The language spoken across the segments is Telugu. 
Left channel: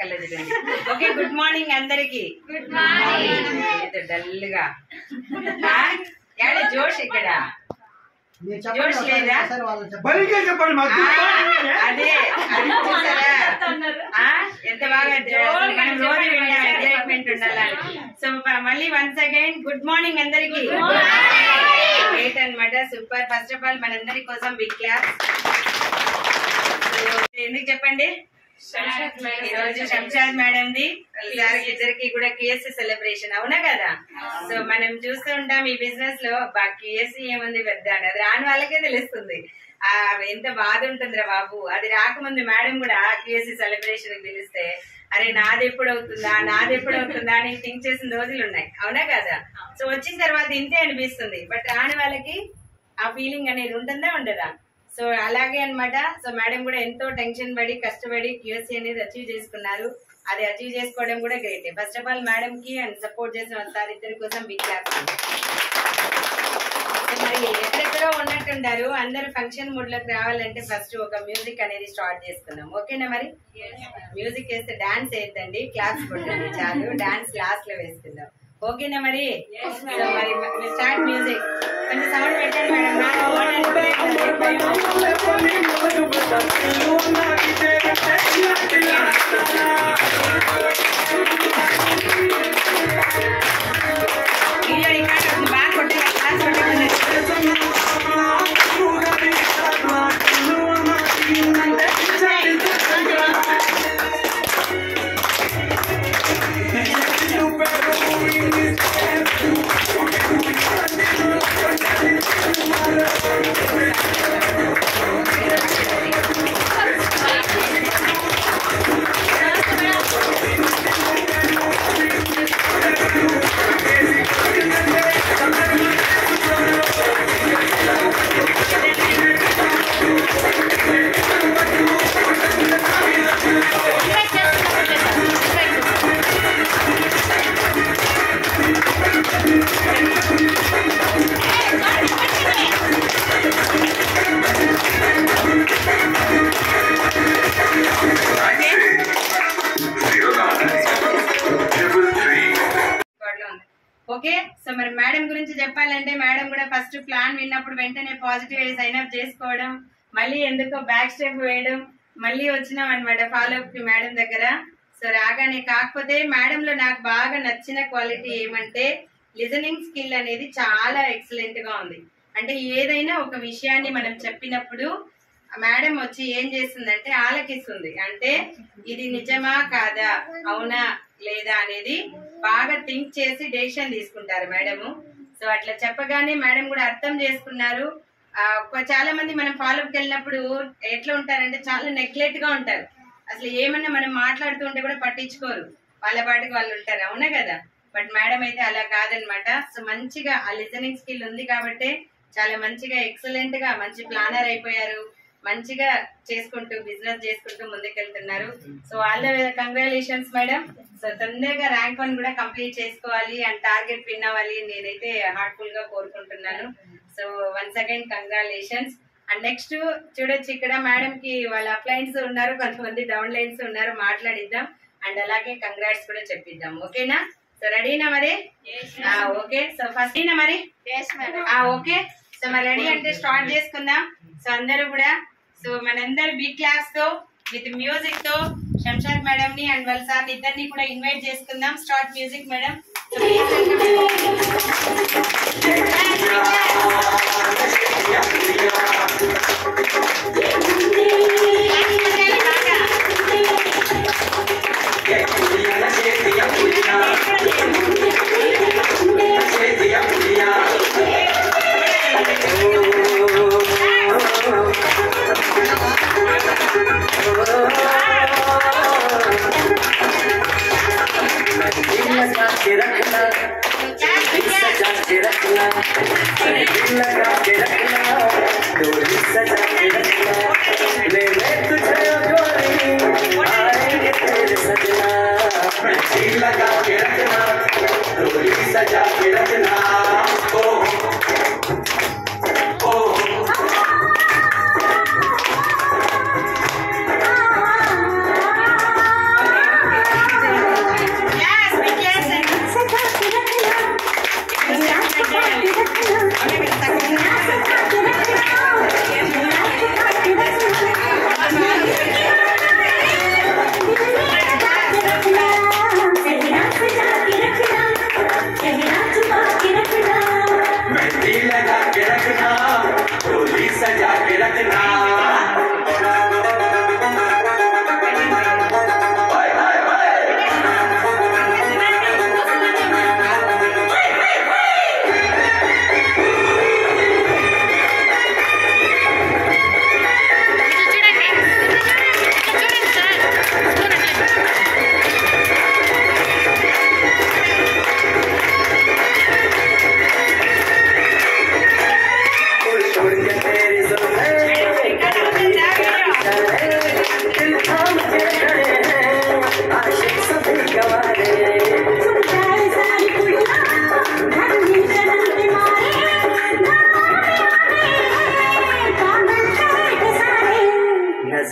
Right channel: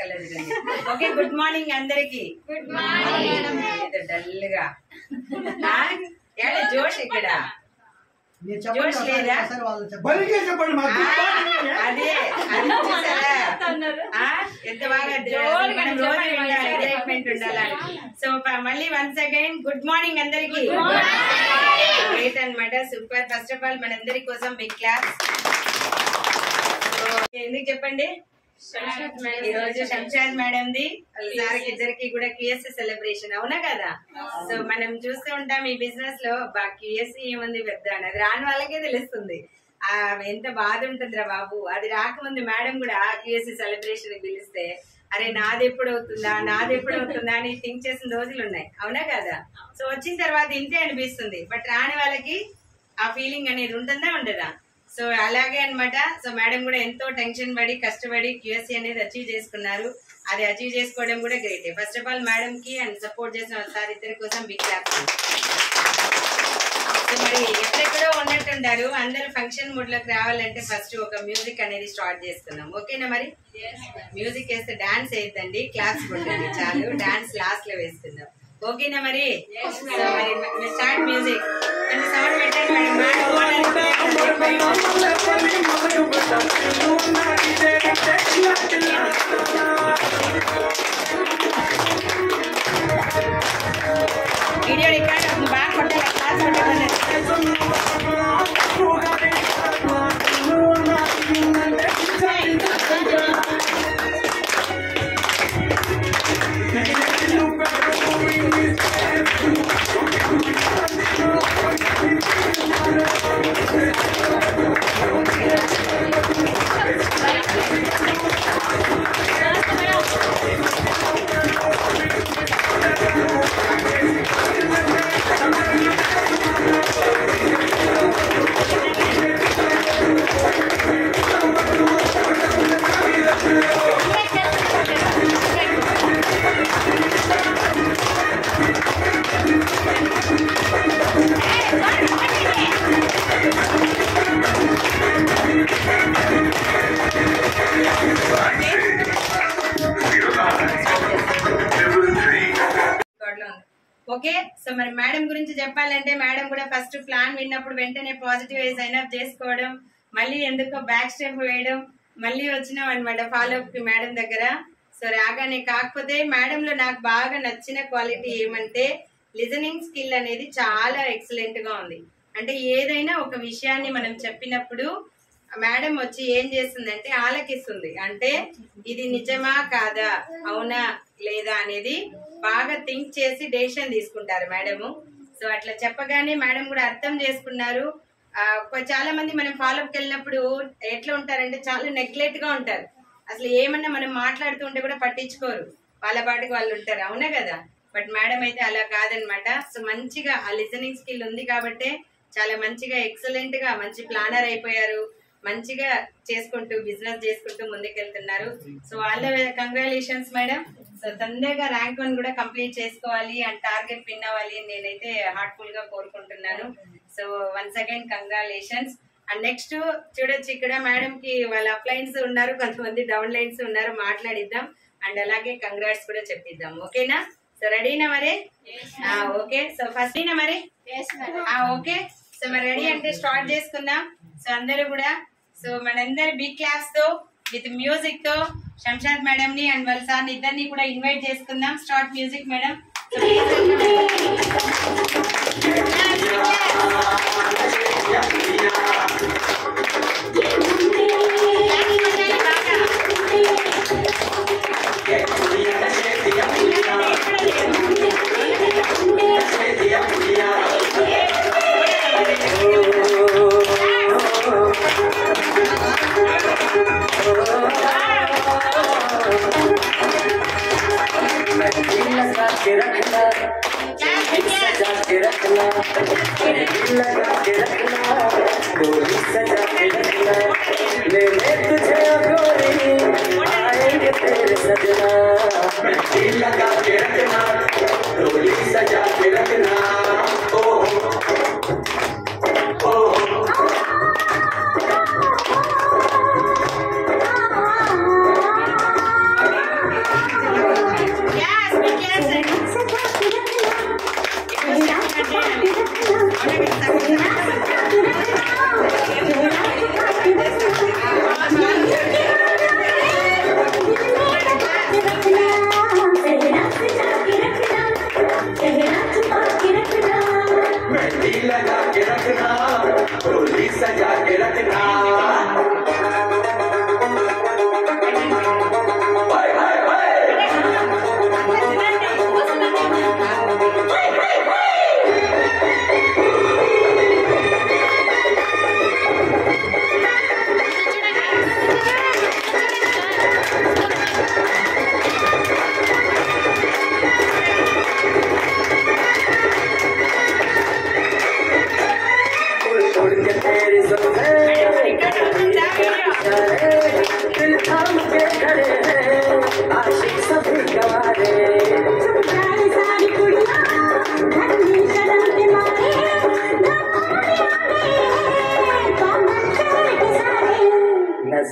కలర్ ఓకే గుడ్ మార్నింగ్ అందరికి గుడ్ మార్నింగ్ ఏదో డల్ గా జోష్ ఇక్కడ జోష్ లేదా అదే ఎంత బాగా మనం రోజు ఎంజాయ్మెంట్ ఉండాలి సో మళ్ళీ వన్స్ అగైన్ గుడ్ మార్నింగ్ అందరికి గ్రేట్ అన్నమాట సూపర్ ఫస్ట్ ఆఫ్ ఆల్ మనందరి కోసం బిగ్ క్లాస్ ఎందుకు చెప్పండి ఈ రోజు శంషాద్ మేడం ది సార్కి ఇద్దరికి కూడా QSC సెలబ్రేషన్ అవునా కదా సో మనం చూస్తూ ఉంటాం ఈ బిజినెస్ లో QSC ఏముంది పెద్ద అది రాని వాళ్ళకే తెలుస్తుంది ఎంత బాధ ఉంటుందిరా బాబు అది రాకముందు మేడం కూడా QSC సెలబ్రేషన్ పిలిస్తే అరే నాది ఎప్పుడు అవుతుందా అని థింక్ చేసిన రోజులు ఉన్నాయి అవునా కదా సో వచ్చిన తర్వాత ఇంతే అనిపిస్తుంది బట్ రాని వాళ్ళకి ఆ ఫీలింగ్ అనేది ఉంటుందా ఉండదా సో అలాగే అన్నమాట సో మేడం కూడా ఎంతో టెన్షన్ పడి కష్టపడి QSC అనేది అచీవ్ చేసుకున్నారు అది అచీవ్ చేసుకోవడం కూడా great first of all madam కి అండ్ సపోర్ట్ చేసిన సార్ ఇద్దరి కోసం బిగ్ క్లాప్ సో మరి ఎక్కడెక్కడో ఉన్నట్టుంటారు అందరూ ఫంక్షన్ మూడ్ లోకి రావాలంటే ఫస్ట్ ఒక మ్యూజిక్ అనేది స్టార్ట్ చేసుకుందాం ఓకేనా మరి మ్యూజిక్ వేస్తే డాన్స్ వేద్దండి క్లాప్స్ కొట్టండి చాలు డాన్స్ లాస్ట్ లో వేసుకుందాం ఓకేనా మరి సో మరి స్టార్ట్ మ్యూజిక్ కొంచెం సౌండ్ పెట్టండి వీడియో రికార్డ్ అవుతుంది బాగా కొట్టాలి క్లాస్ కొట్టాలి ఓకే సో మరి మేడం గురించి చెప్పాలంటే మేడం కూడా ఫస్ట్ ప్లాన్ విన్నప్పుడు వెంటనే పాజిటివ్ అయ్యి సైన్ అప్ చేసుకోవడం మళ్ళీ ఎందుకో బ్యాక్ స్టెప్ వేయడం మళ్ళీ వచ్చినాం అనమాట ఫాలో అప్ కి మేడం దగ్గర సో రాగానే కాకపోతే మేడం లో నాకు బాగా నచ్చిన క్వాలిటీ ఏమంటే లిజనింగ్ స్కిల్ అనేది చాలా ఎక్సలెంట్ గా ఉంది అంటే ఏదైనా ఒక విషయాన్ని మనం చెప్పినప్పుడు మేడం వచ్చి ఏం చేస్తుందంటే ఆలకిస్తుంది అంటే ఇది నిజమా కాదా అవునా లేదా అనేది బాగా థింక్ చేసి డెసిషన్ తీసుకుంటారు మేడము సో అట్లా చెప్పగానే మేడం కూడా అర్థం చేసుకున్నారు చాలా మంది మనం ఫాలోఅప్కి వెళ్ళినప్పుడు ఎట్లా ఉంటారంటే చాలా నెగ్లెక్ట్ గా ఉంటారు అసలు ఏమన్నా మనం మాట్లాడుతూ ఉంటే కూడా పట్టించుకోరు వాళ్ళ పాటికి వాళ్ళు ఉంటారు అవునా కదా బట్ మేడం అయితే అలా కాదనమాట సో మంచిగా ఆ లిజనింగ్ స్కిల్ ఉంది కాబట్టి చాలా మంచిగా ఎక్సలెంట్ గా మంచి ప్లానర్ అయిపోయారు మంచిగా చేసుకుంటూ బిజినెస్ చేసుకుంటూ ముందుకెళ్తున్నారు so all the way congratulations madam so తొందరగా ర్యాంక్ 1 కూడా కంప్లీట్ చేసుకోవాలి అండ్ టార్గెట్ విన్ అవ్వాలి నేనైతే హార్ట్ఫుల్ గా కోరుకుంటున్నాను so once again congratulations and next చూడొచ్చు ఇక్కడ మేడం కి వాళ్ళ అప్లైన్స్ ఉన్నారు కొంతమంది డౌన్ లైన్స్ ఉన్నారు మాట్లాడిద్దాం అండ్ అలాగే కంగ్రాట్స్ కూడా చెప్పిద్దాం ఓకేనా సో రెడీనా మరి ఓకే సో ఫస్ట్ మరి ఓకే సో మరి రెడీ అంటే స్టార్ట్ చేసుకుందాం సో అందరూ కూడా సో మనందరు బిగ్ క్లాస్ తో విత్ మ్యూజిక్ తో శంషాద్ మేడం ని అండ్ వాళ్ళ సార్ ఇద్దరిని కూడా ఇన్వైట్ చేసుకుందాం స్టార్ట్ మ్యూజిక్ మేడం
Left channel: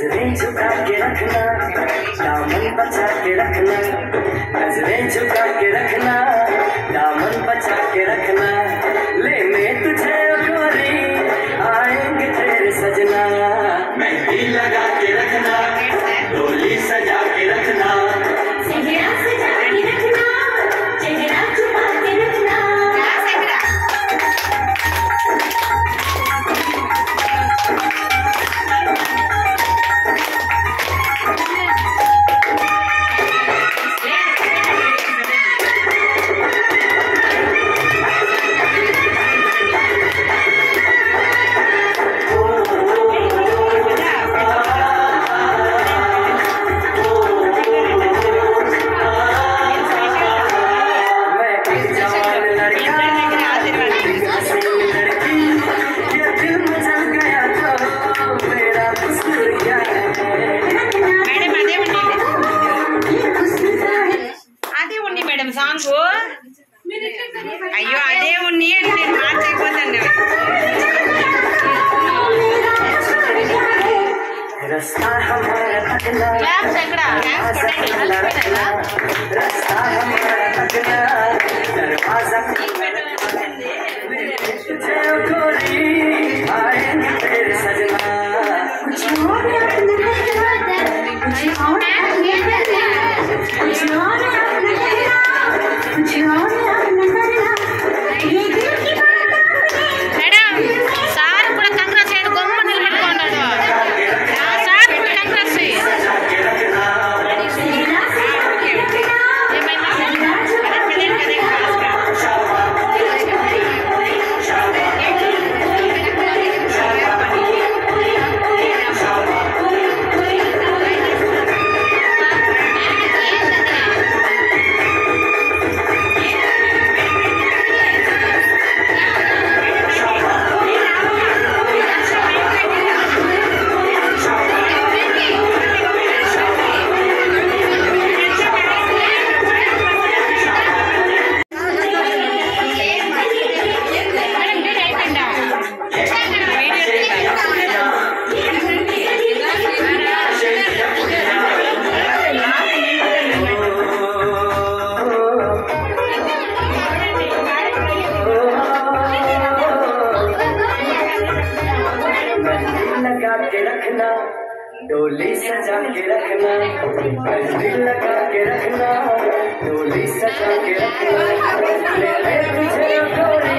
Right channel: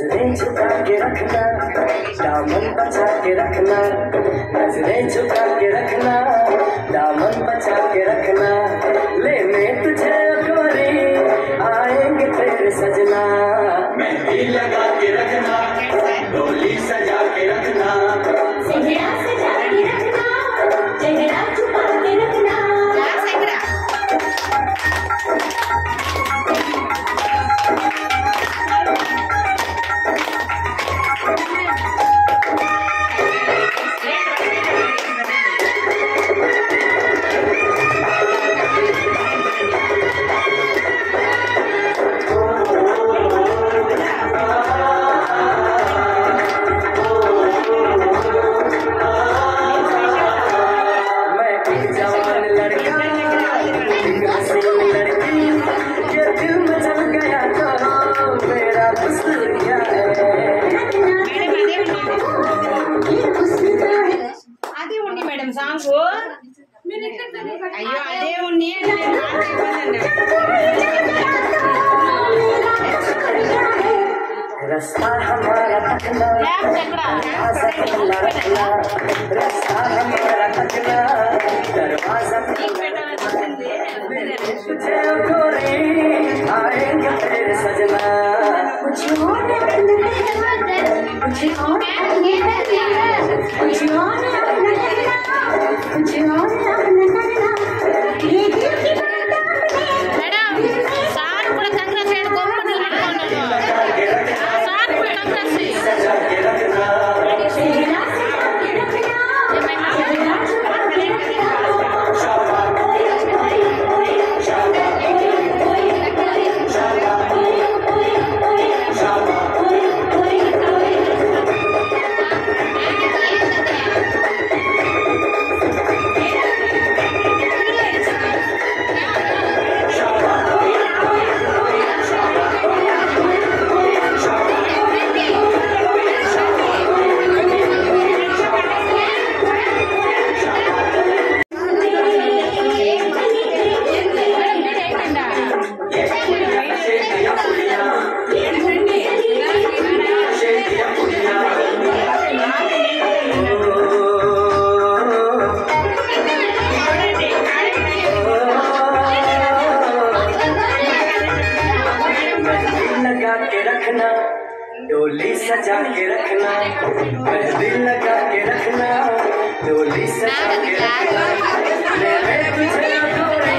नजरें झुका के रखना, दामन बचा के रखना, नजरें झुका के रखना, दामन बचा के रखना, ले मैं तुझे गोरी आएंगे तेरे सजना, मेहंदी लगा के रखना, डोली सजा के रखना, चेहरा सजा के रखना, चेहरा छुपा के रखना। అయ్యో అదే ఉన్ని అని నేను మార్చైపోతాను. रास्ता हमारा तकना, रास्ता हमारा तकना, दरवाजा गोरी आएंगे तेरे सजना, कुछ और डोली सजा के रखना, मेहंदी लगा के रखना, डोली सजा के रखना, मेरे तुझे गोरी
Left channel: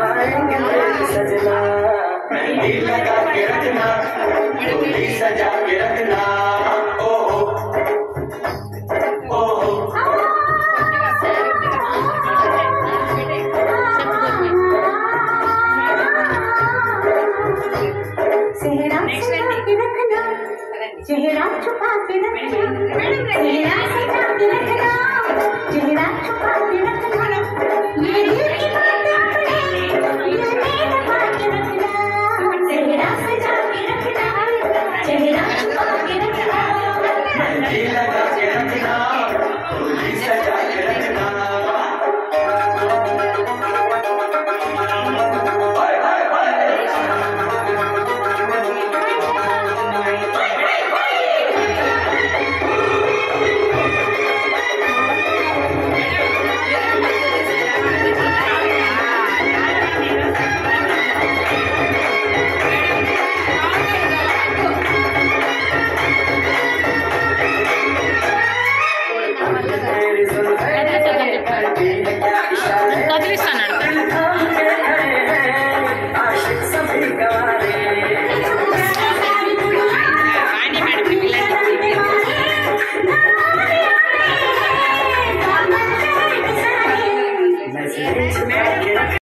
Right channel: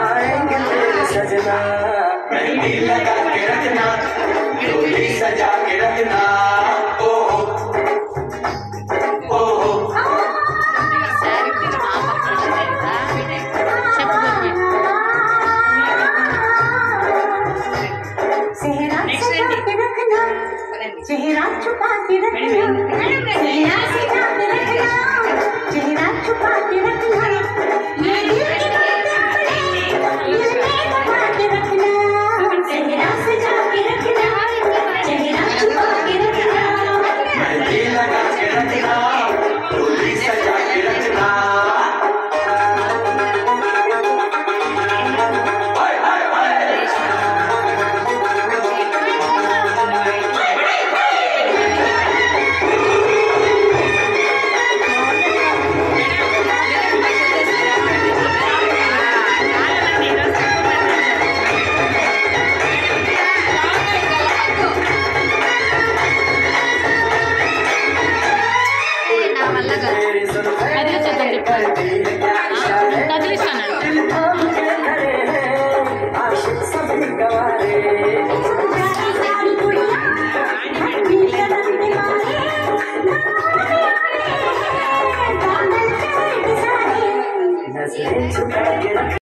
आएंगे तेरे सजना, मेहंदी लगा के रखना, डोली सजा के रखना। ओ ओ चेहरा छुपा के रखना, चेहरा सजा के रखना, चेहरा छुपा के रखना।